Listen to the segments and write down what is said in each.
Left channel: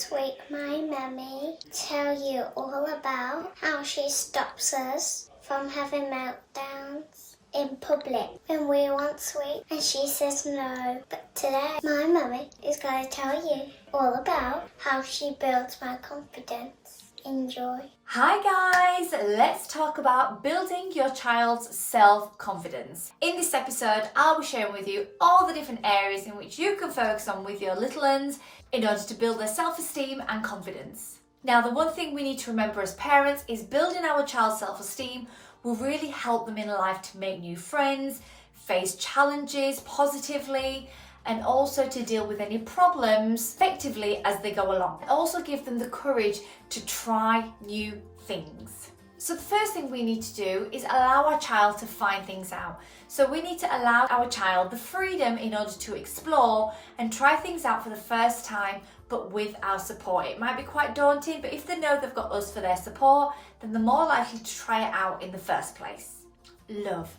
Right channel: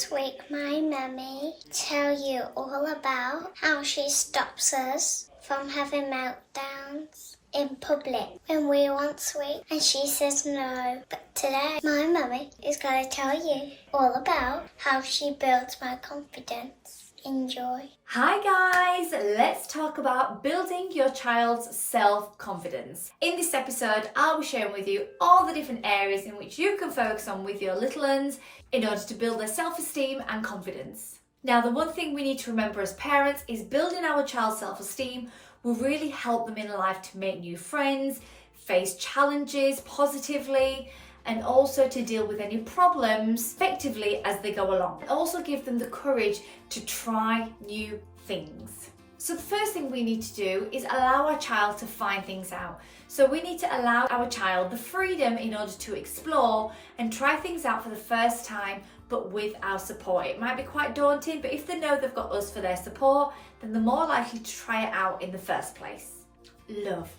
This week my mummy tell you all about how she stops us from having meltdowns in public when we want sweet and she says no. But today my mummy is going to tell you all about how she builds my confidence. Enjoy. Hi guys, let's talk about building your child's self-confidence. In this episode, I'll be sharing with you all the different areas in which you can focus on with your little ones in order to build their self-esteem and confidence. Now, the one thing we need to remember as parents is building our child's self-esteem will really help them in life to make new friends, face challenges positively, and also to deal with any problems effectively as they go along. Also give them the courage to try new things. So the first thing we need to do is allow our child to find things out. So we need to allow our child the freedom in order to explore and try things out for the first time, but with our support. It might be quite daunting, but if they know they've got us for their support, then they're more likely to try it out in the first place. Love.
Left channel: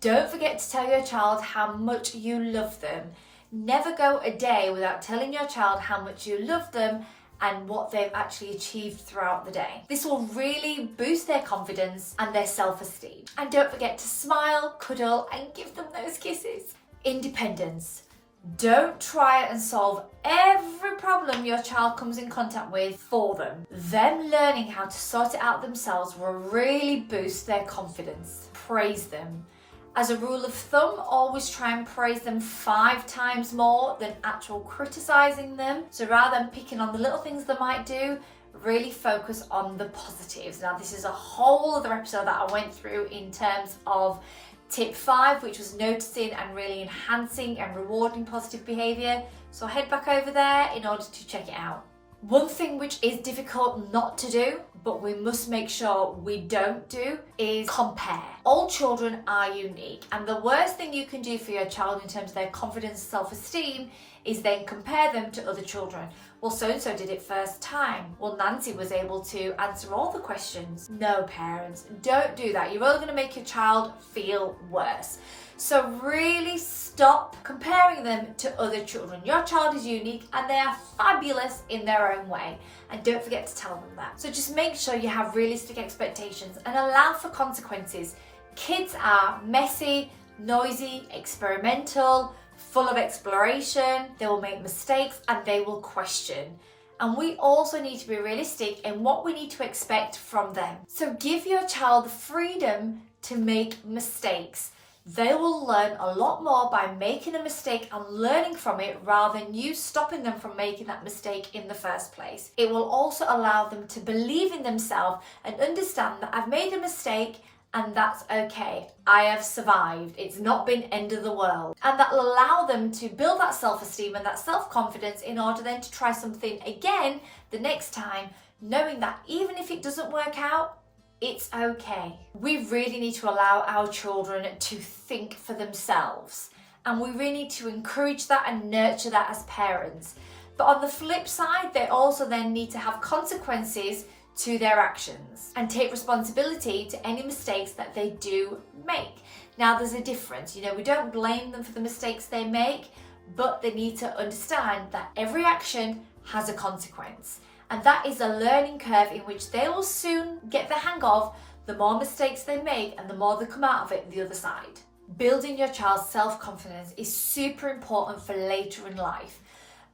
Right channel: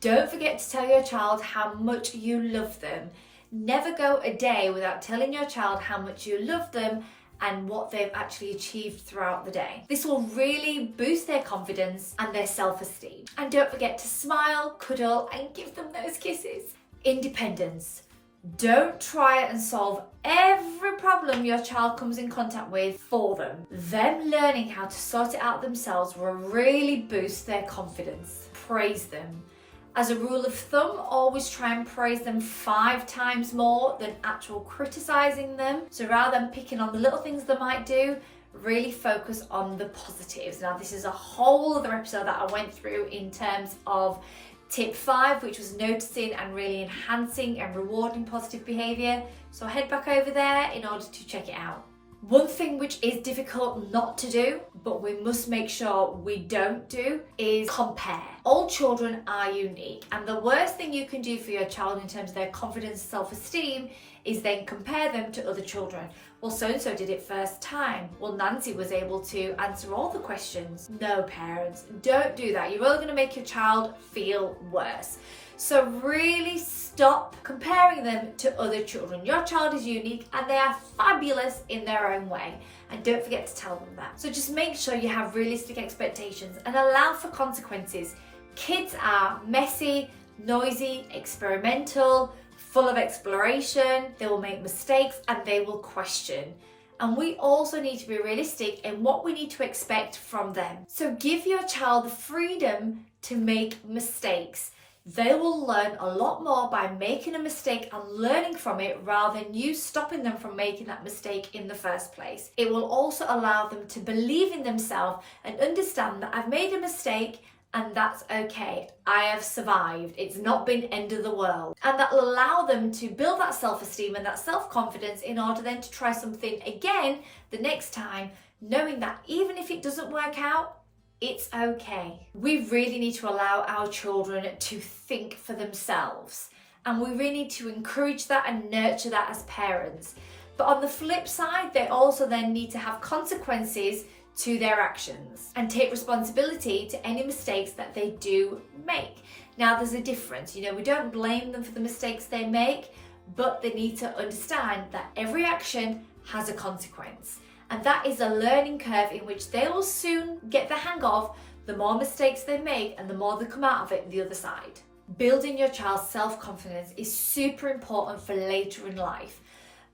Don't forget to tell your child how much you love them. Never go a day without telling your child how much you love them and what they've actually achieved throughout the day. This will really boost their confidence and their self-esteem. And don't forget to smile, cuddle, and give them those kisses. Independence. Don't try and solve every problem your child comes in contact with for them. Them learning how to sort it out themselves will really boost their confidence. Praise them. As a rule of thumb, always try and praise them 5 times more than actual criticizing them. So rather than picking on the little things they might do, really focus on the positives. Now, this is a whole other episode that I went through in terms of tip 5, which was noticing and really enhancing and rewarding positive behavior. So head back over there in order to check it out. One thing which is difficult not to do, but we must make sure we don't do, is compare. All children are unique, and the worst thing you can do for your child in terms of their confidence and self-esteem is then compare them to other children. Well, so-and-so did it first time. Well, Nancy was able to answer all the questions. No, parents, don't do that. You're only going to make your child feel worse. So really stop comparing them to other children. Your child is unique and they are fabulous in their own way. And don't forget to tell them that. So just make sure you have realistic expectations and allow for consequences. Kids are messy, noisy, experimental, full of exploration. They will make mistakes and they will question. And we also need to be realistic in what we need to expect from them. So give your child the freedom to make mistakes. They will learn a lot more by making a mistake and learning from it rather than you stopping them from making that mistake in the first place. It will also allow them to believe in themselves and understand that I've made a mistake and that's okay. I have survived. It's not been end of the world. And that will allow them to build that self-esteem and that self-confidence in order then to try something again the next time, knowing that even if it doesn't work out, it's okay. We really need to allow our children to think for themselves, and we really need to encourage that and nurture that as parents. But on the flip side, they also then need to have consequences to their actions and take responsibility to any mistakes that they do make. Now, there's a difference. We don't blame them for the mistakes they make, but they need to understand that every action has a consequence. And that is a learning curve in which they will soon get the hang of the more mistakes they make and the more they come out of it the other side. Building your child's self-confidence is super important for later in life.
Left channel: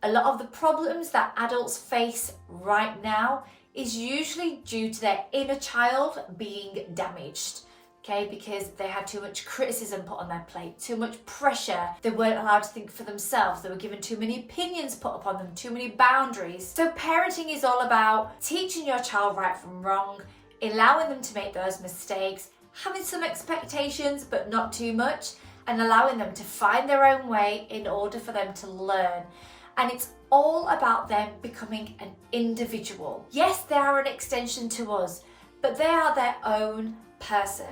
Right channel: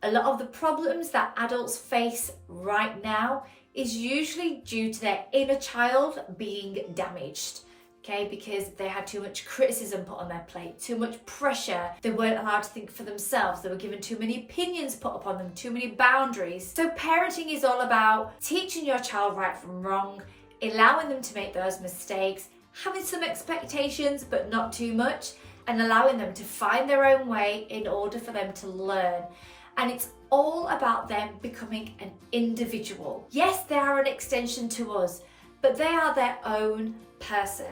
A lot of the problems that adults face right now is usually due to their inner child being damaged. Okay, because they had too much criticism put on their plate, too much pressure. They weren't allowed to think for themselves. They were given too many opinions put upon them, too many boundaries. So parenting is all about teaching your child right from wrong, allowing them to make those mistakes, having some expectations, but not too much, and allowing them to find their own way in order for them to learn. And it's all about them becoming an individual. Yes, they are an extension to us, but they are their own person.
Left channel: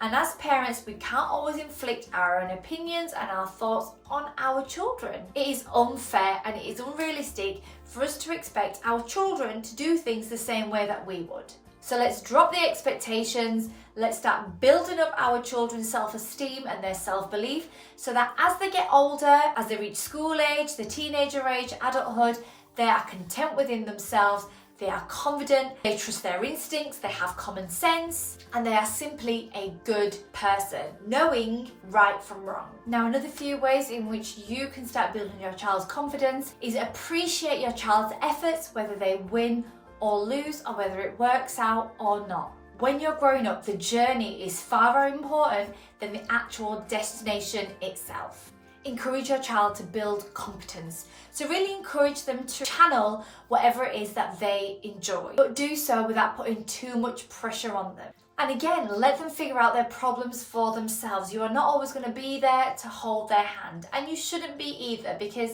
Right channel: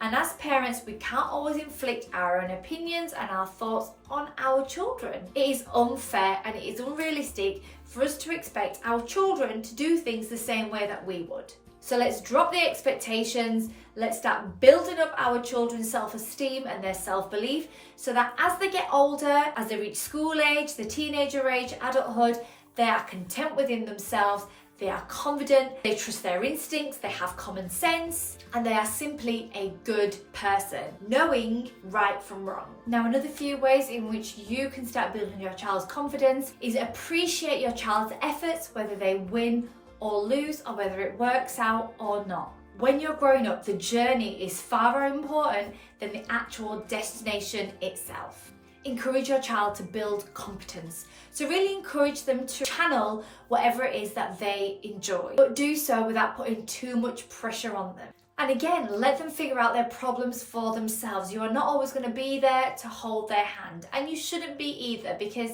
And as parents, we can't always inflict our own opinions and our thoughts on our children. It is unfair and it is unrealistic for us to expect our children to do things the same way that we would. So let's drop the expectations. Let's start building up our children's self-esteem and their self-belief so that as they get older, as they reach school age, the teenager age, adulthood, they are content within themselves, they are confident, they trust their instincts, they have common sense, and they are simply a good person, knowing right from wrong. Now, another few ways in which you can start building your child's confidence is appreciate your child's efforts, whether they win or lose, or whether it works out or not. When you're growing up, the journey is far more important than the actual destination itself. Encourage your child to build competence. So really encourage them to channel whatever it is that they enjoy, but do so without putting too much pressure on them. And again, let them figure out their problems for themselves. You are not always going to be there to hold their hand, and you shouldn't be either, because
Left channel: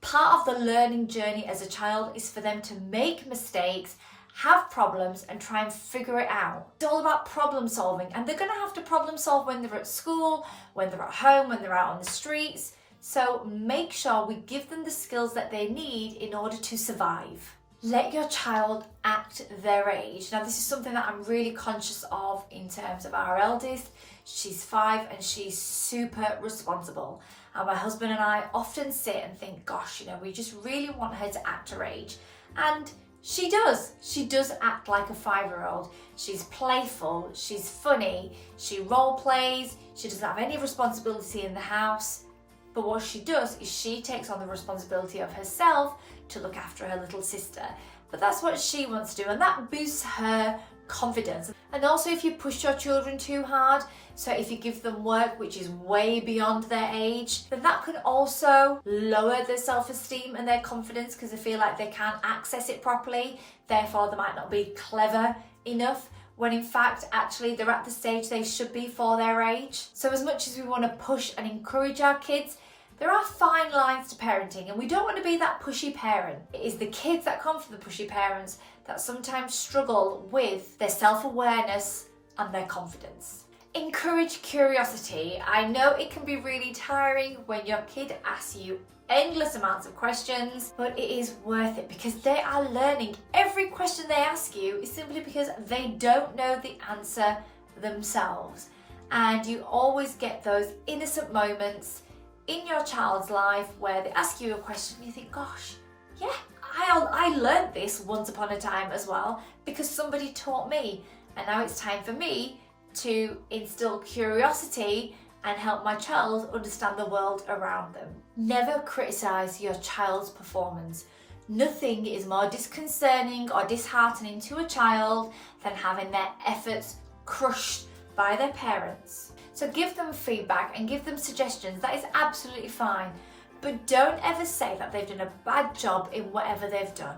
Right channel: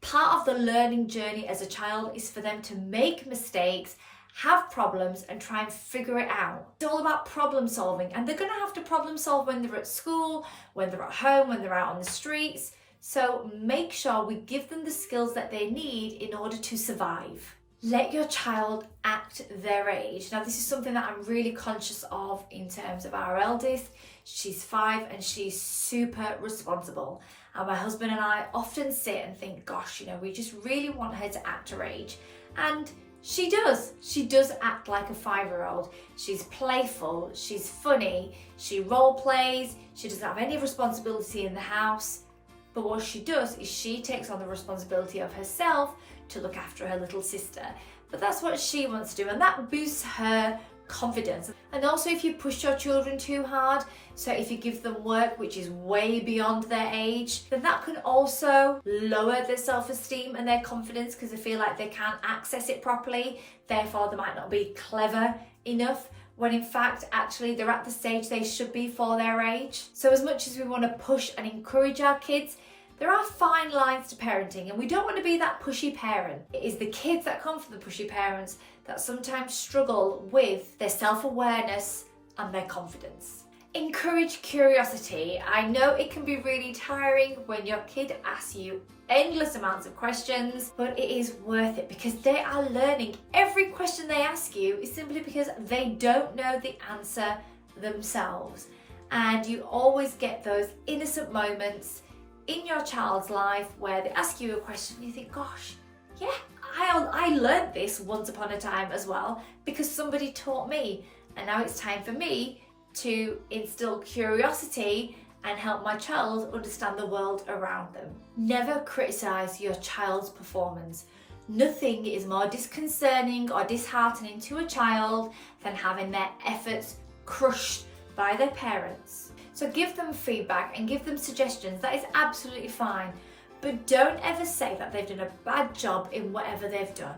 part of the learning journey as a child is for them to make mistakes, have problems, and try and figure it out. It's all about problem solving, and they're going to have to problem solve when they're at school, when they're at home, when they're out on the streets. So make sure we give them the skills that they need in order to survive. Let your child act their age. Now, this is something that I'm really conscious of in terms of our eldest. She's 5 and she's super responsible. And my husband and I often sit and think, gosh, we just really want her to act her age. And she does. She does act like a 5-year-old. She's playful, she's funny, she role plays, she doesn't have any responsibility in the house. But what she does is she takes on the responsibility of herself to look after her little sister. But that's what she wants to do, and that boosts her confidence. And also, if you push your children too hard, so if you give them work which is way beyond their age, then that can also lower their self-esteem and their confidence, because they feel like they can't access it properly, therefore they might not be clever enough, when in fact actually they're at the stage they should be for their age. So as much as we want to push and encourage our kids, there are fine lines to parenting, and we don't want to be that pushy parent. It is the kids that come from the pushy parents that sometimes struggle with their self-awareness and their confidence. Encourage curiosity. I know it can be really tiring when your kid asks you endless amounts of questions, but it is worth it because they are learning. Every question they ask you is simply because they don't know the answer themselves. And you always get those innocent moments in your child's life where they ask you a question and you think, gosh, yeah, I learned this once upon a time as well because somebody taught me, and now it's time for me to instill curiosity and help my child understand the world around them. Never criticize your child's performance. Nothing is more disconcerting or disheartening to a child than having their efforts crushed by their parents. So give them feedback and give them suggestions. That is absolutely fine. But don't ever say that they've done a bad job in whatever they've done.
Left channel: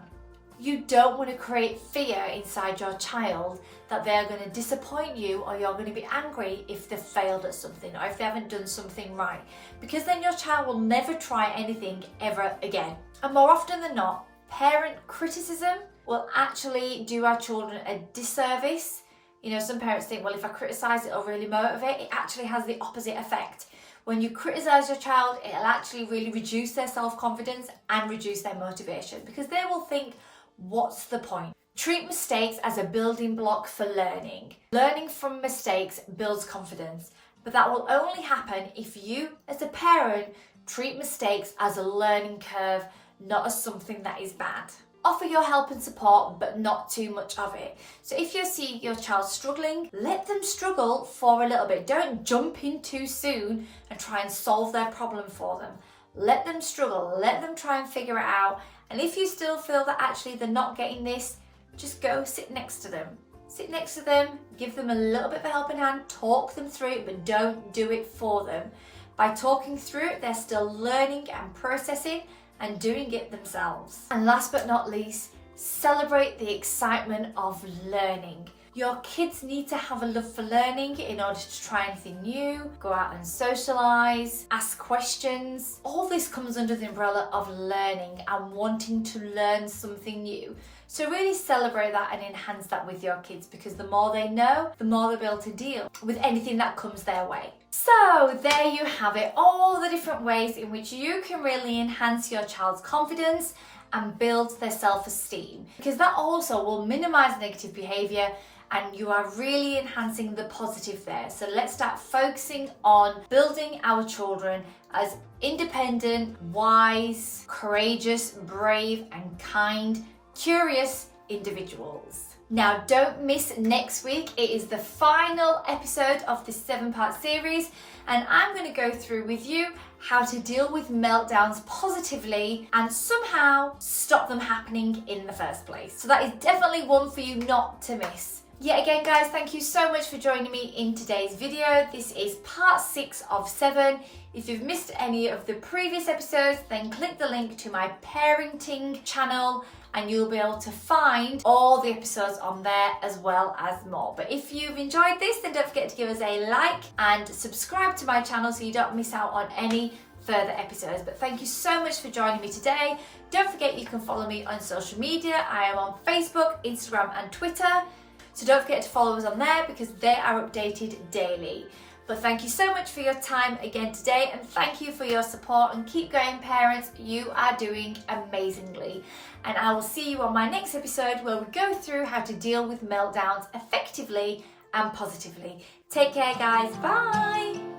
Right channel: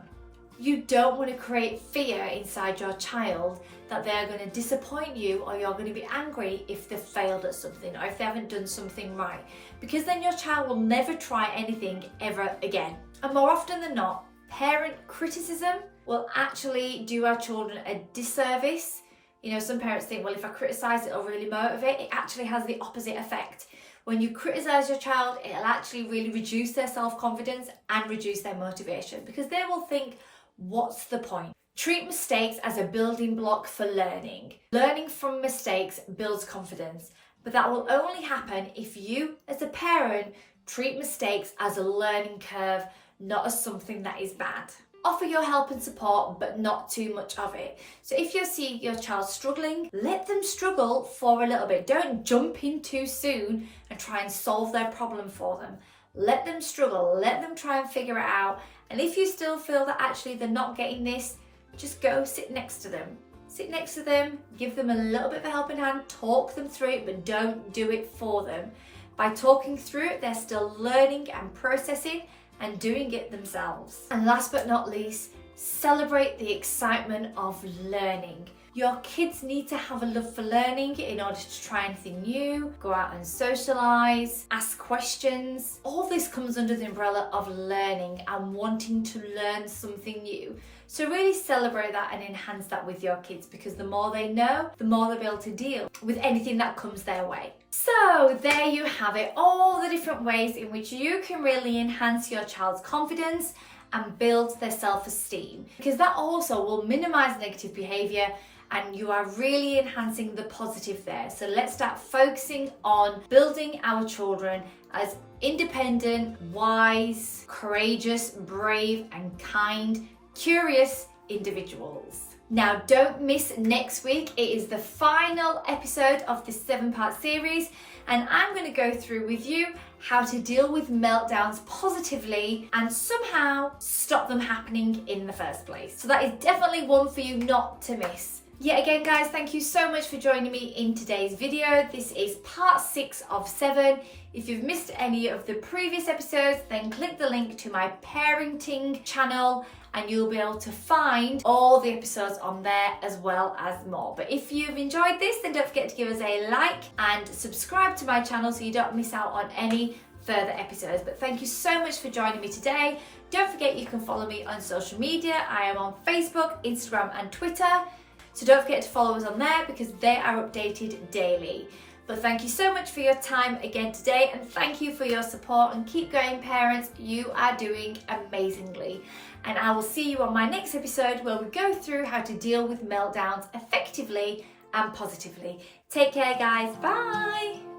You don't want to create fear inside your child that they're going to disappoint you, or you're going to be angry if they've failed at something or if they haven't done something right, because then your child will never try anything ever again. And more often than not, parent criticism will actually do our children a disservice. Some parents think, well, if I criticize, it'll really motivate. It actually has the opposite effect. When you criticize your child, it'll actually really reduce their self-confidence and reduce their motivation, because they will think, what's the point? Treat mistakes as a building block for learning. Learning from mistakes builds confidence, but that will only happen if you, as a parent, treat mistakes as a learning curve, not as something that is bad. Offer your help and support, but not too much of it. So if you see your child struggling, let them struggle for a little bit. Don't jump in too soon and try and solve their problem for them. Let them struggle, let them try and figure it out. And if you still feel that actually they're not getting this, just go sit next to them. Sit next to them, give them a little bit of a helping hand, talk them through it, but don't do it for them. By talking through it, they're still learning and processing and doing it themselves. And last but not least, celebrate the excitement of learning. Your kids need to have a love for learning in order to try anything new, go out and socialise, ask questions. All this comes under the umbrella of learning and wanting to learn something new. So really celebrate that and enhance that with your kids, because the more they know, the more they'll be able to deal with anything that comes their way. So there you have it, all the different ways in which you can really enhance your child's confidence and build their self-esteem, because that also will minimize negative behavior and you are really enhancing the positive there. So let's start focusing on building our children as independent, wise, courageous, brave, and kind, curious individuals. Now, don't miss next week. It is the final episode of this 7-part series, and I'm going to go through with you how to deal with meltdowns positively and somehow stop them happening in the first place. So that is definitely one for you not to miss. Yet again, guys, thank you so much for joining me in today's video. This is part 6 of 7. If you've missed any of the previous episodes, then click the link to my parenting channel and you'll be able to find all the episodes on there as well as more. But if you've enjoyed this, then don't forget to give us a like and subscribe to my channel so you don't miss out on any further episodes. But thank you so much for joining me today. Don't forget you can follow me on social media. I am on Facebook, Instagram and Twitter. So don't forget to follow us on there because they are updated daily. But thank you so much for your time again today, and thank you for your support, and keep going, parents. You are doing amazingly. And I will see you on my next episode where we go through how to deal with meltdowns effectively and positively. Take care, guys. Bye.